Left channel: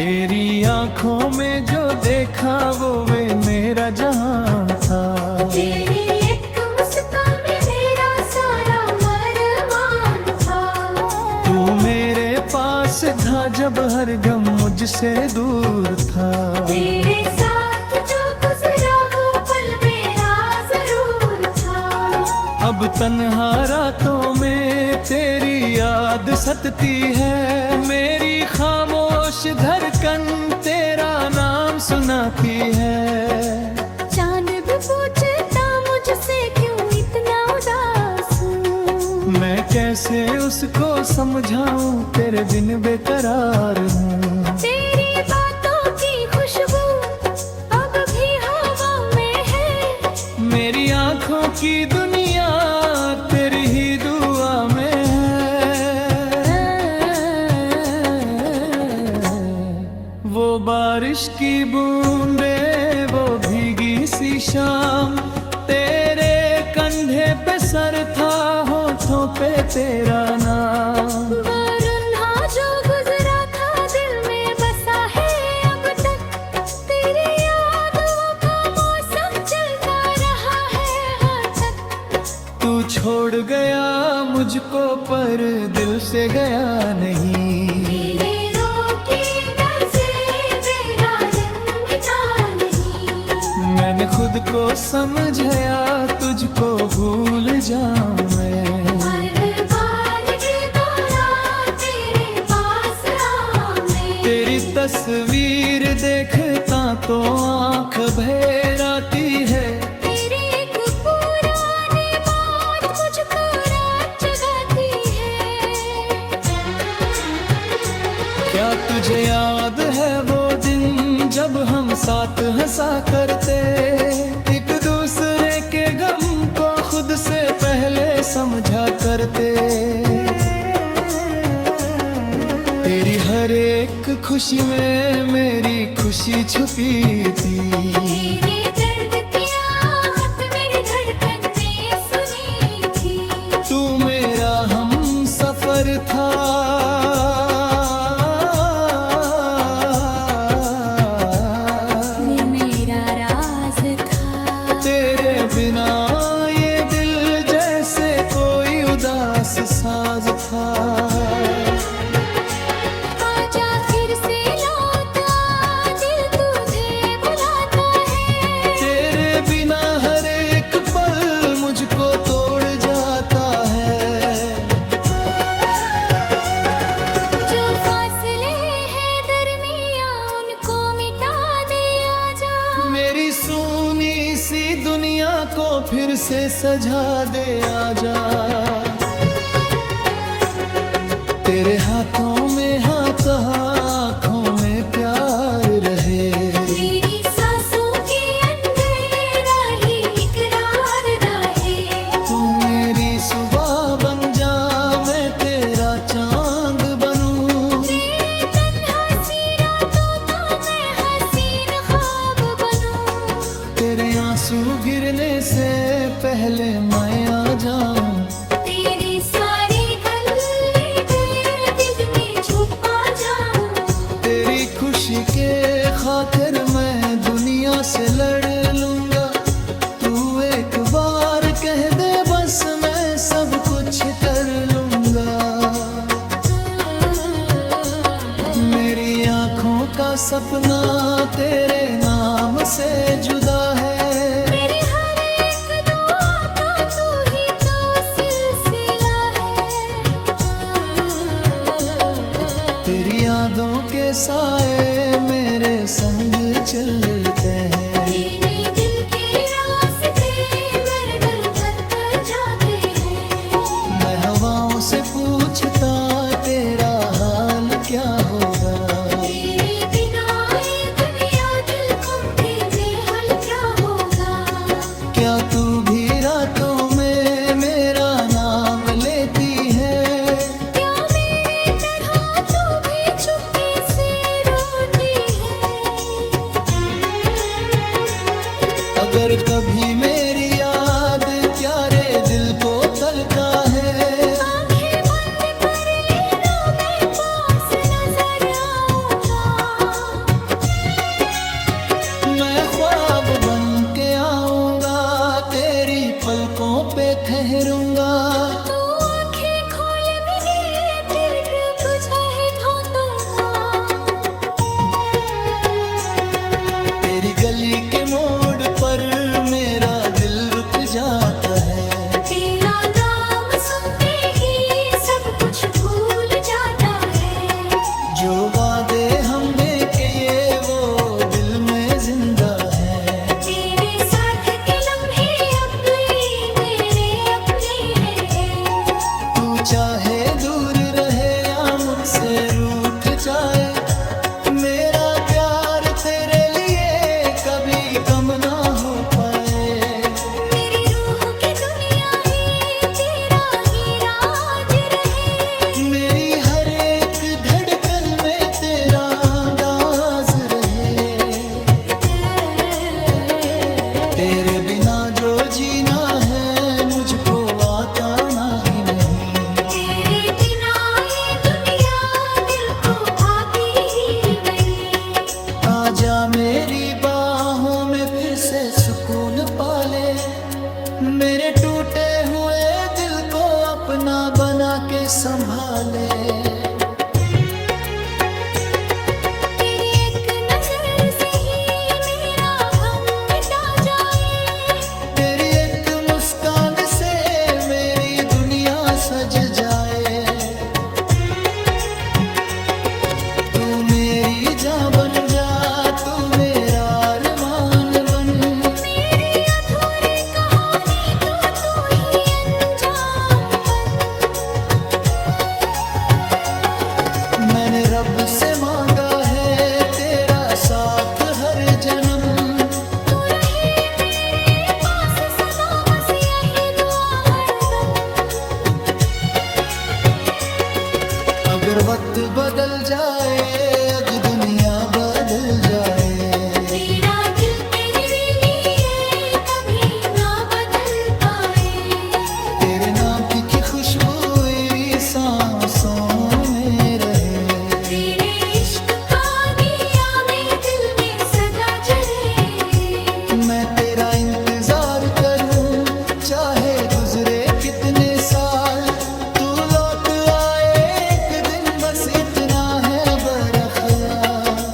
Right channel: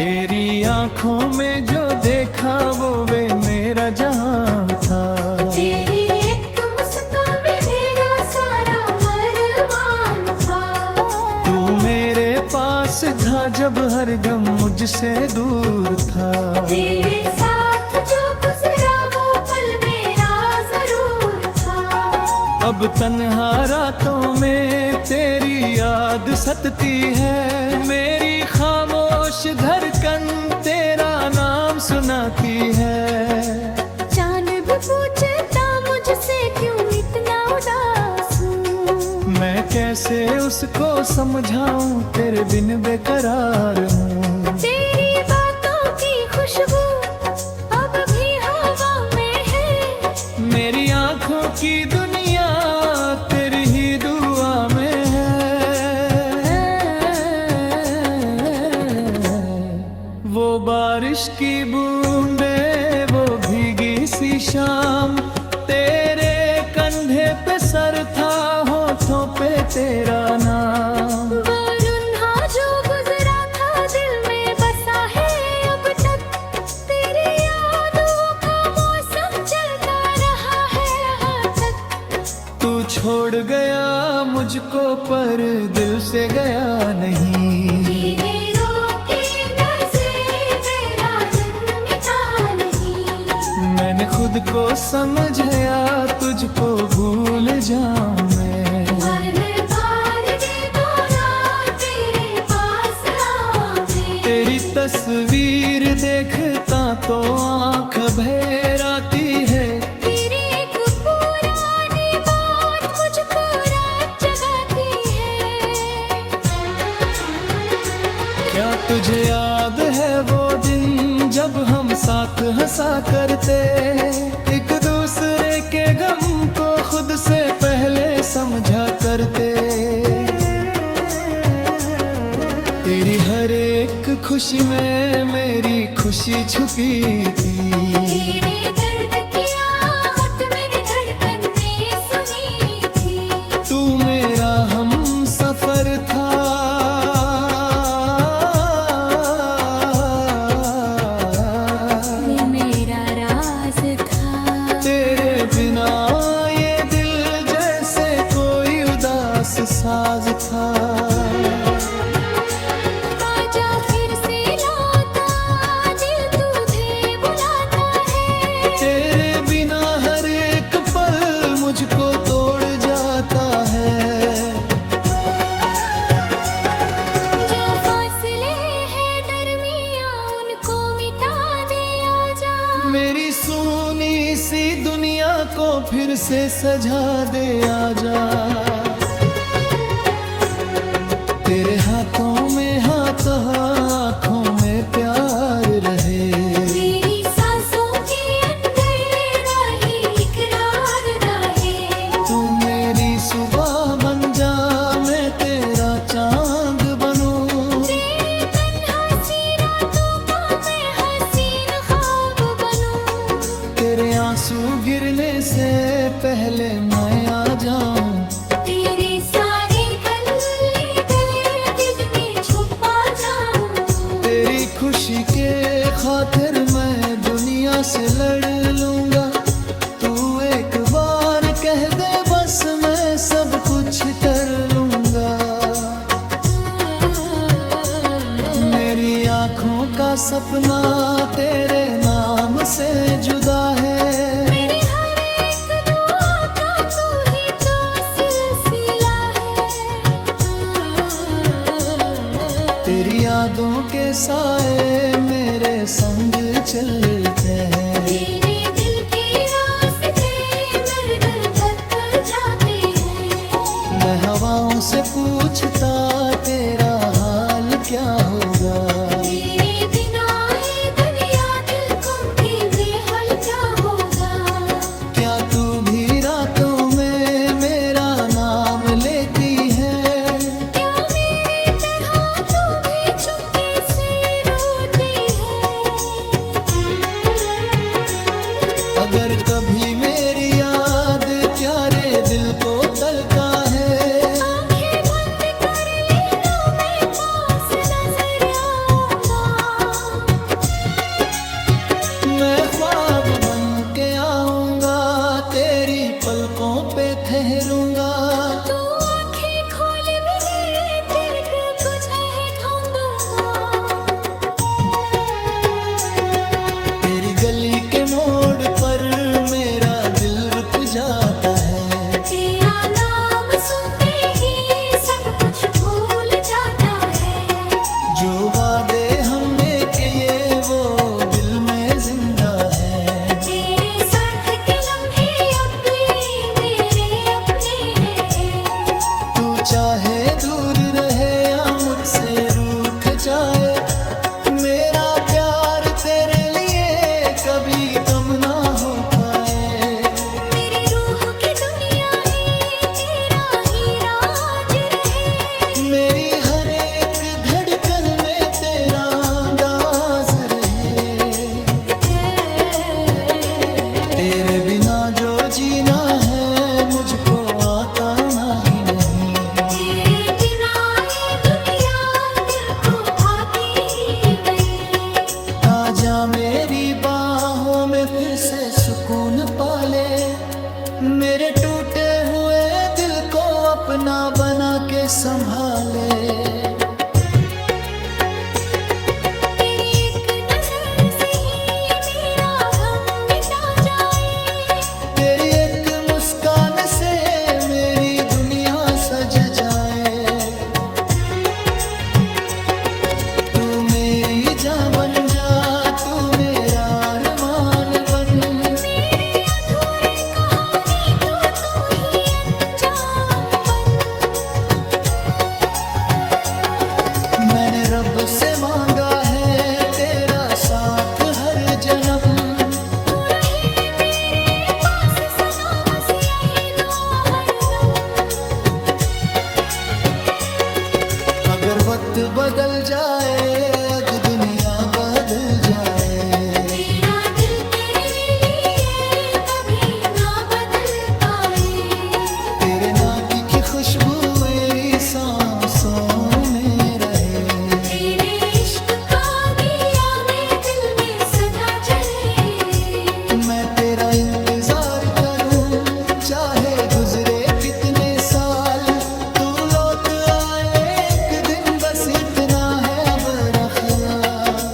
तेरी आंखों में जो देखा वो वे मेरा जहां था। तेरी एक मुस्कान में मेरा सारा अरमान था। तू मेरे पास था जब हर गम मुझसे दूर था। तेरे साथ जो गुजरा वो पल मेरा जरूर था। अब तन्हा रातों में तेरी याद सतती है, मेरी खामोश धड़कन तेरा नाम सुनाती है। चांद भी पूछता मुझसे क्यों इतना उदास हूँ। मैं कैसे उसको समझाऊं तेरे बिन बेकरार हूँ। तेरी बातों की खुशबू अब भी हवा में है। मेरी आंखों की दुनिया तेरी ही दुआ में है। वो बारिश की बूंदे वो भीगी सी शाम, तेरे कंधे पे सर था होठों पे तेरा नाम। वो रुन्हा जो गुजरा था दिल में बसा है अब तक। तेरी यादों का मौसम चलता रहा है यहाँ तक। तू छोड़ गया मुझको पर दिल से गया नहीं। तेरे रोके दर से मेरा दिल मिटा नहीं। मैंने खुद को समझाया तुझको भूल जाऊं मैं। हर बार ये दौरा तेरे पास आ मैं। तेरी तस्वीर देखता तो आंख भर आती है। तेरी एक पुरानी बात मुझको रात जगाती है। क्या तुझे याद है वो दिन जब हम साथ हंसा करते, एक दूसरे के गम को खुद से पहले समझा करते। तेरी हर एक खुशी में मेरी खुशी छुपी थी। तेरे दर्द की आहट मेरी धड़कन ने सुनी थी। तू मेरा हम सफर था, ये मेरा राज था। तेरे बिना ये दिल जैसे कोई उदास साज था। आजा फिर से लौटा दिल तुझे बुलाता है। तेरे बिना हर एक पल मुझको तोड़ जाता है। जो फासले हैं दरमियां उनको मिटा दे आजा। मेरी सूनी सी दुनिया को फिर से सजा दे आजा। तेरे हाथों में हाथ आँखों में प्यार रहे। मेरी सांसों के अंदर राही इकरार रहे। तू मेरी सुबह बन जा मैं तेरा चांद बनूं। तेरे तन्हा सी रातों का मैं हसीन ख्वाब बनूं। तेरे आंसू गिरने से पहले मैं आ जाऊं। तेरे सारे गले तेरे दिल में छुपा जाऊं। तेरी खुशी के खातिर मैं दुनिया से लड़ लूंगा। तू एक बार कह दे बस मैं सब कुछ कर लूंगा। मेरी आंखों का सपना तेरे नाम से जुदा है। मेरी हर एक दुआ का तू ही तो सिलसिला है। तेरी यादों के साए मेरे संग चलते हैं। तेरे दिल के रास्ते मेरे दिल तक जाते हैं। मैं हवाओं से पूछता तेरा हाल क्या होगा। तेरे बिना ये दुनिया दिल गुम के बेहाल क्या होगा। क्या तू भी रातों में मेरा नाम लेती है। क्या मेरी तरह तू भी चुपके से रोती है। अगर कभी मेरी याद प्यारे दिल को तलका है। आंखें बंद कर लीनों में पास नजर आऊंगा। मैं ख्वाब बन के आऊंगा, तेरी पलकों पे ठहरूंगा। तू आंखें खोल भी दे, दिल पे तुझे ढूंढूंगा। तेरी गली के मोड़ पर मेरा दिल रुक जाता है। तेरा नाम सुनते ही सब कुछ भूल जाता है। जो वादे हमने किए वो दिल में जिंदा है। तेरे साथ के लम्हे अब ये मेरे अपने हैं। तू चाहे दूर रहे या मुझसे रूठ जाए, मेरा प्यार तेरे लिए कभी कम ना हो पाए। मेरी रूह की दुनिया है तेरा ही राज रहे। मेरी हर एक धड़कन में तेरा अंदाज रहे। तेरे बिना जो जीना है मुझको आता ना ही नहीं। तेरे बिना ये दुनिया दिल को भाती ही नहीं। आजा मेरी बाहों में फिर से सुकून पाले, मेरे टूटे हुए दिल को अपना बना के संभाले। तेरी एक नजर से ही मेरा गम मिटा जाए। तेरी एक मुस्कान से मेरी दुनिया सज जाए। तू मेरी जान बन जा, तू मेरा अरमान बन। मेरी अधूरी कहानी तू ही अंजाम बन। मैंने रब से मांगा है तेरा साथ हर जन्म। तू रहे मेरे पास सदा बस यही दुआ हरदम। अगर वक्त बदल जाए, अगर दुनिया बदल जाए, मेरा दिल तेरे लिए कभी ना बदल पाए। तेरे नाम की खुशबू मेरी सांसों में रहे। तेरे इश्क का दिया मेरे दिल में सदा जले। मैं तेरा इंतजार करूं चाहे गुजरे कितने साल। तू लौट आए एक दिन बस इतना है बड़ा ख्याल।